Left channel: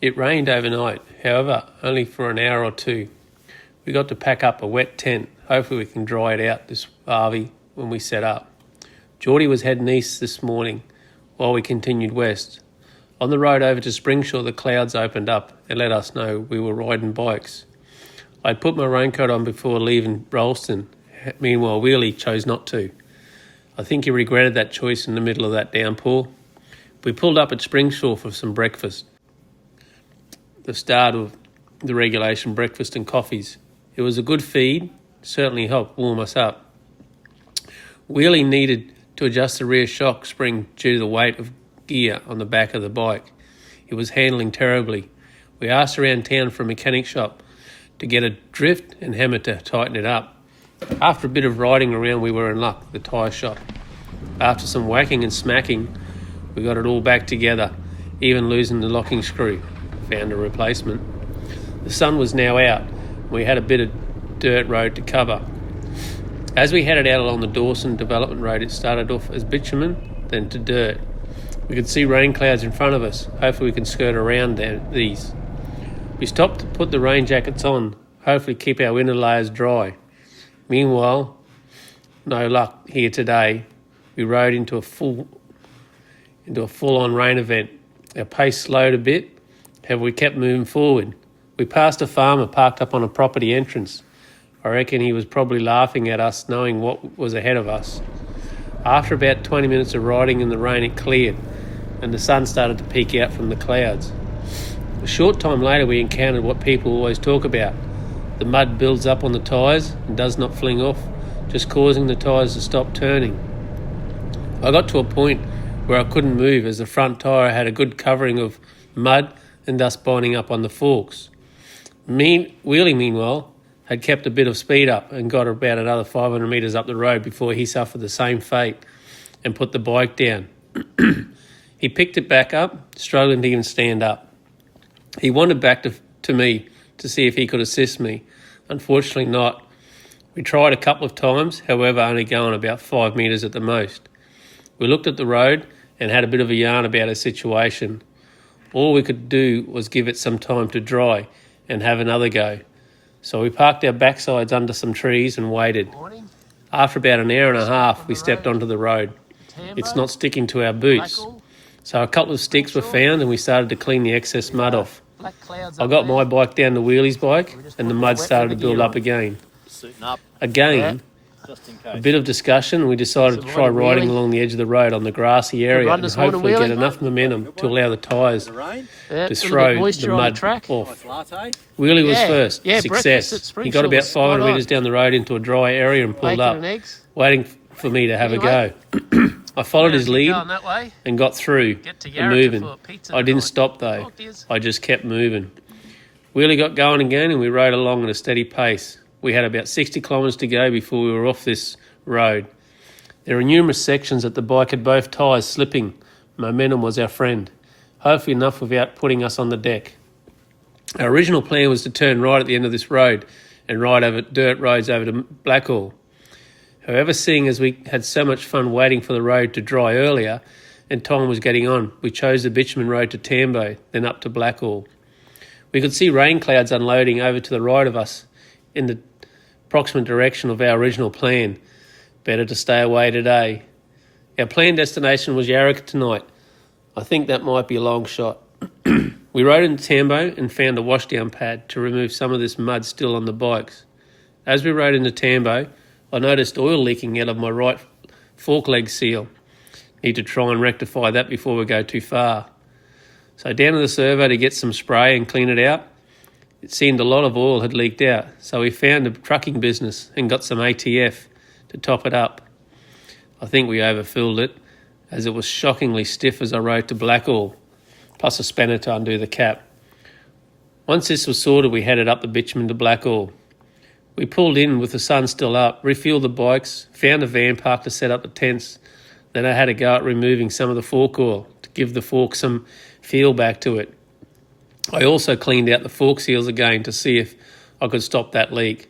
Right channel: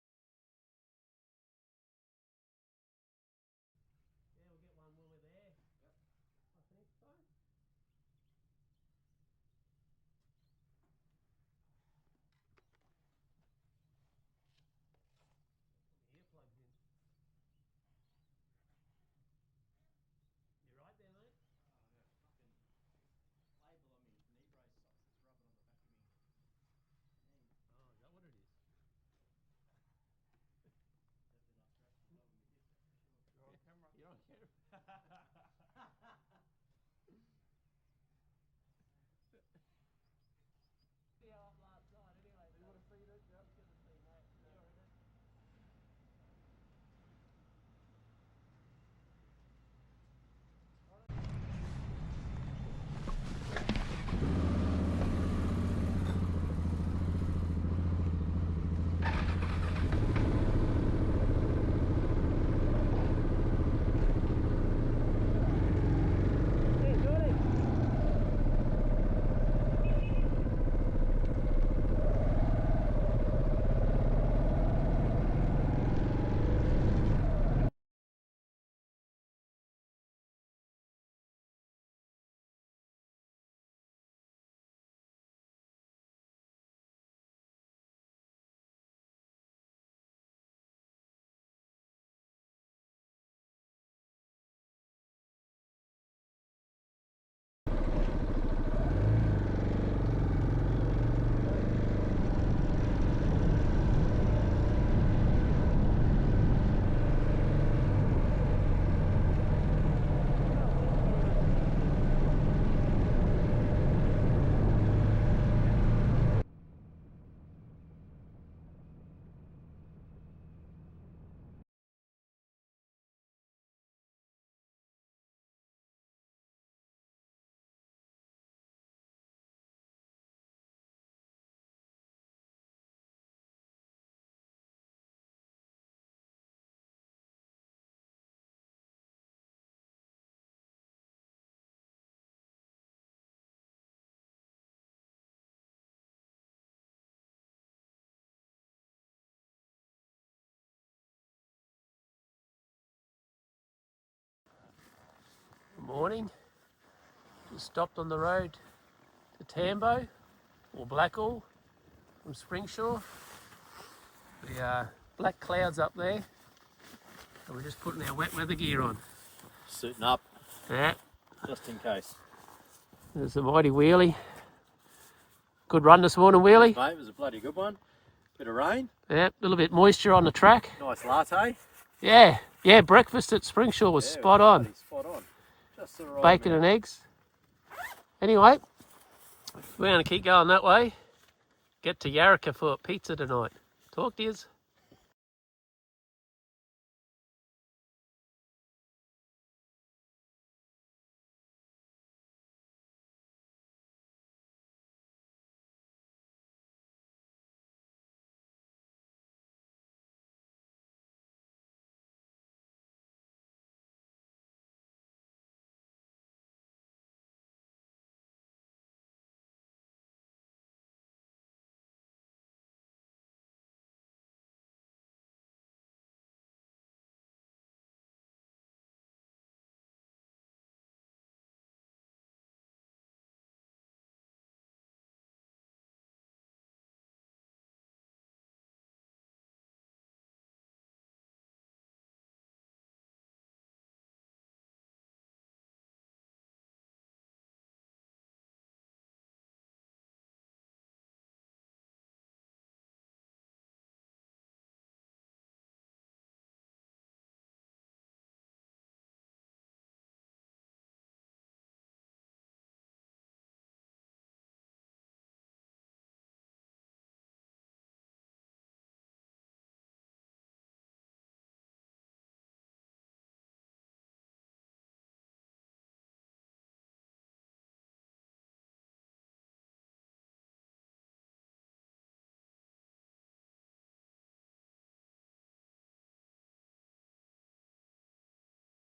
It rained overnight, however, only for an hour or two. We got to pack up a wet tent. Hopefully we can dry it out this Harvey when we set up. Geordie was heading east this morning while we continued west. On the road over to Springshaw, the clouds opened up and let us know we were riding bikes. I'd put my raincoat on before leaving Rolleston. Meanwhile, Wheelie chose not to. I think he regretted that choice in the middle of that downpour. We pulled up at Springshaw for some breakfast. The start of the regulation breakfast and coffees. It was a good feed, certainly helped warm us up. Wheelie needed to adjust the rear shock spring due to the weight of gear on the back of the bike. It was handling terribly. We asked around town for a mechanic shop to get a drift and hammer to tighten it up. After a bit of riding around, we were in luck with the tyre shop. After some whacking and smacking, we got it all back together, even losing the locking screw. Found a replacement. The sun was now out. We had a bit of dirt road to cover. As we headed out along the Dawson Development Road, it started off as bitumen, then to dirt. We could see rain clouds in front of us. Hopefully we can skirt around these. We stopped to put the rain jackets on, hopefully keep our inner layers dry. Meanwhile, no luck here today. We rode into a full-on rain event. Our pace slowed a bit. However, we kept moving forward. We passed a farmer parked up on a property entrance. I reckon he was probably laughing at us, knowing what was ahead of us. After about 20 minutes of riding in the rain, it cleared, and the sun started to peek out from the clouds. A short time later, we encountered what people always talk about. The mud builds up on the tyres and does not fling off, just causing the tyres to stop turning. I got to a point where I couldn't move as the front tyre had a good covering of mud and thus binding up on the forks. Wheelie, meanwhile, had kept a bit of speed up and got about another 500 metres up the road before he suffered the same fate and put the bike down. He picked it back up, struggling to even stand up. He wandered back to me to see if he could assist me. Unfortunately not. We tried a couple of times, however only going about 5 metres at the most. We looked at the road and had a bit of a yarn about our situation. All we could do was give it some time to dry and have another go. So we parked our backsides under some trees and waited. Morning. After about an hour and a half, we stepped onto the road. It's not sticking to our boots. Blackall. So a couple of sticks were found and we started to clean the excess mud off. Black clouds I got my bike down to Wheelie's bike and the mud started to build up again. Suiting up, Again, just in a case. bit of discussion and we decided to Good try morning, riding Wheelie. along the edge of the road on the grassy area run and this morning, hopefully Wheelie. get enough momentum to allow the tyres Bit of rain, Yeah, to a little throw bit moisture the on the mud track. off. nice latte. Wheelie was Yeah, first. yeah, Success. breakfast at He Springshaw got about was 500 spot on. metres down the road into a dry area and pulled Bacon up, and eggs. waiting for me to have Anyway. a go. I followed his Keep lead going that way. and got through Get to and Yarraka moving. for pizza I didn't tonight. stop though. Oh, dears. I just kept moving. Wheelie got going again and we rode along at a steady pace. We had about 60 kilometres to go before we were off this road. There were numerous sections that the bike had both tyres slipping. Momentum was our friend. Hopefully enough without putting us on the deck. Our original plan was to turn right at the end of this road and ride over dirt roads over to Blackall. However, seeing as we had so much fun waiting for the road to dry earlier and time was getting on, we chose the bitumen road to Tambo, then up to Blackall. We could see rain clouds unloading over to the right of us in the approximate direction of our original plan. Better to stay away today. Our planned destination was Yarraka tonight. I think that might be a long shot. We rode into Tambo and found a washdown pad to remove some of this mud still on the bikes. As we rode into Tambo, I noticed oil leaking out of my right fork leg seal. Need to try and rectify that before we go too far. So down to the servo to get some spray and clean it out. It seemed a lot of oil had leaked out, so we found a trucking business and got some ATF to top it up. I think we overfilled it, as it was shockingly stiff as I rode to Blackall, plus a spanner to undo the cap. Once this was sorted, we headed up the bitumen to Blackall. We pulled in with the sun still up, refueled the bikes, found a van park to set up the tents. Then I had a go at removing some of the fork oil to give the fork some feel back to it. I also cleaned out the fork seals again to see if I could stop that leak.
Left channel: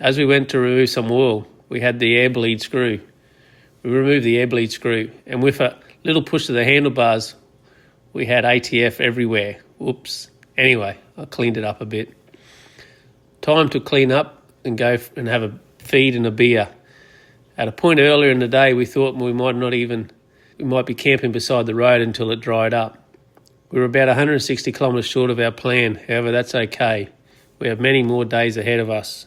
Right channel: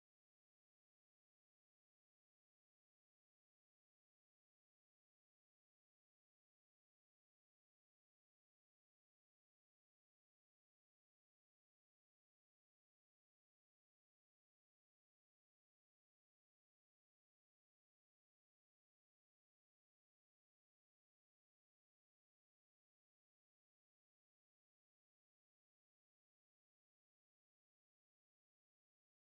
As we went to remove some oil, we had the air bleed screw. We removed the air bleed screw, and with a little push to the handlebars, we had ATF everywhere. Whoops. Anyway, I cleaned it up a bit. Time to clean up and go and have a feed and a beer. At a point earlier in the day, we thought we might be camping beside the road until it dried up. We were about 160 kilometres short of our plan. However, that's okay. We have many more days ahead of us.